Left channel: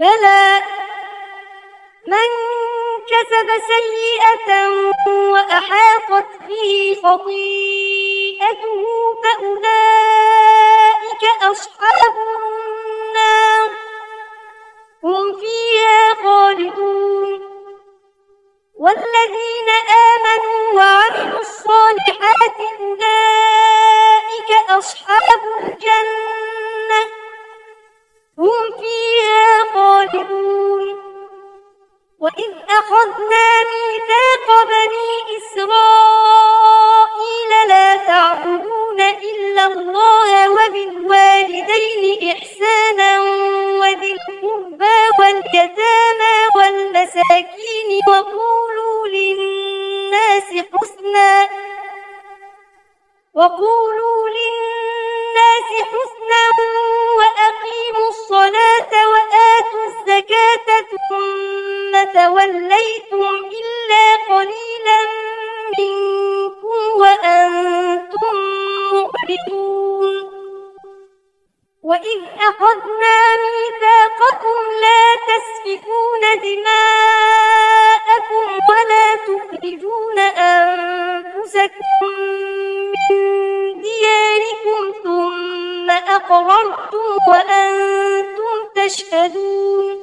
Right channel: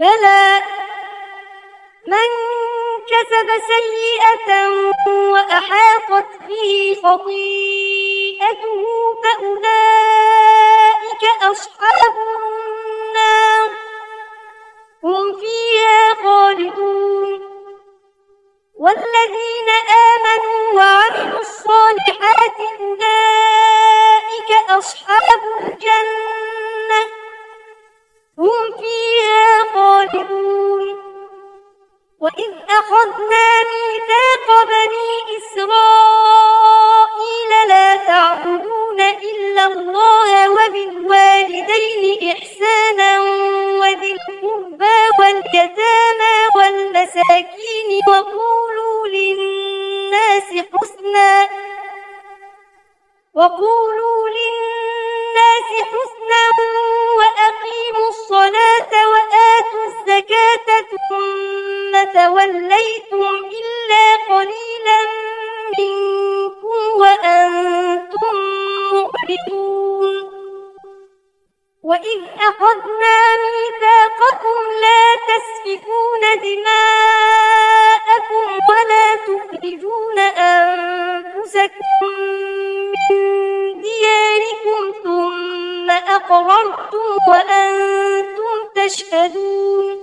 بلى من كسب سيئة وأحاطت به خطيئته فأولئك أصحاب النار هم فيها خالدون والذين آمنوا وعملوا الصالحات أولئك أصحاب الجنة هم فيها خالدون وإذ أخذنا ميثاق بني إسرائيل لا تعبدون إلا الله وبالوالدين إحسانا وذي القربى واليتامى والمساكين وقولوا للناس حسنا وأقيموا الصلاة وآتوا الزكاة ثم توليتم إلا قليلا منكم وأنتم معرضون وإذ أخذنا ميثاقكم لا تسفكون دماءكم ولا تخرجون أنفسكم من دياركم ثم أقررتم وأنتم تشهدون